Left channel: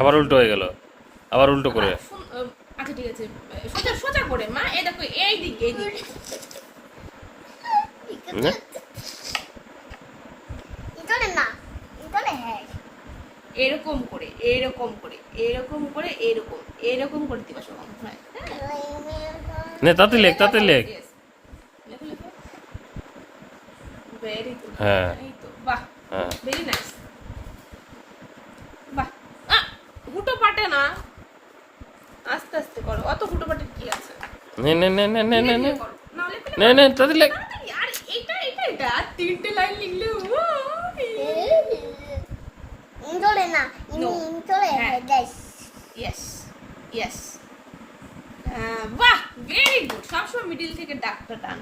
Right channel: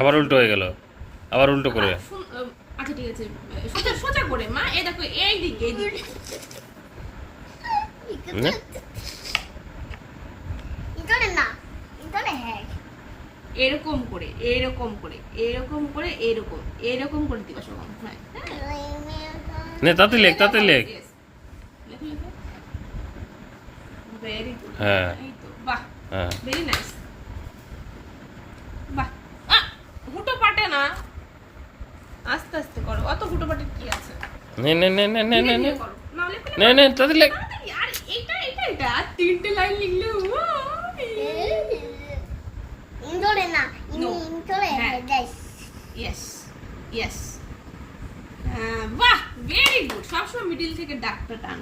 আবার উল্টো হয়ে গেল, আবার উল্টো করে। আচ্ছা ঠিক আছে, সোজা সোজা করে মা, এই দেখো এই দিকে এই দিকে। না এরকম করে এরকম করে এরকম করে এরকম এরকম করে দিবা সব হয়। নে তাতে লেখ, তাতে লেখ। ভেরি গুড, হ্যাঁ এই তো বাহ, হ্যাঁ ভেরি নাইস। বাহ, হুটো পাটে না, আস্তে আস্তে করো, অত হুটো পাটে কি আছে। নে নে নে নে নে নে নে করো, নাহলে করে নে নে তাতে লেখ। আর এটা এটা এটা আর তিনটে লাইন লিখলে ইয়েস ইয়েস। বাহ, ভেরি গুড। সবসময় মিডিল থেকে ডাকটা টান।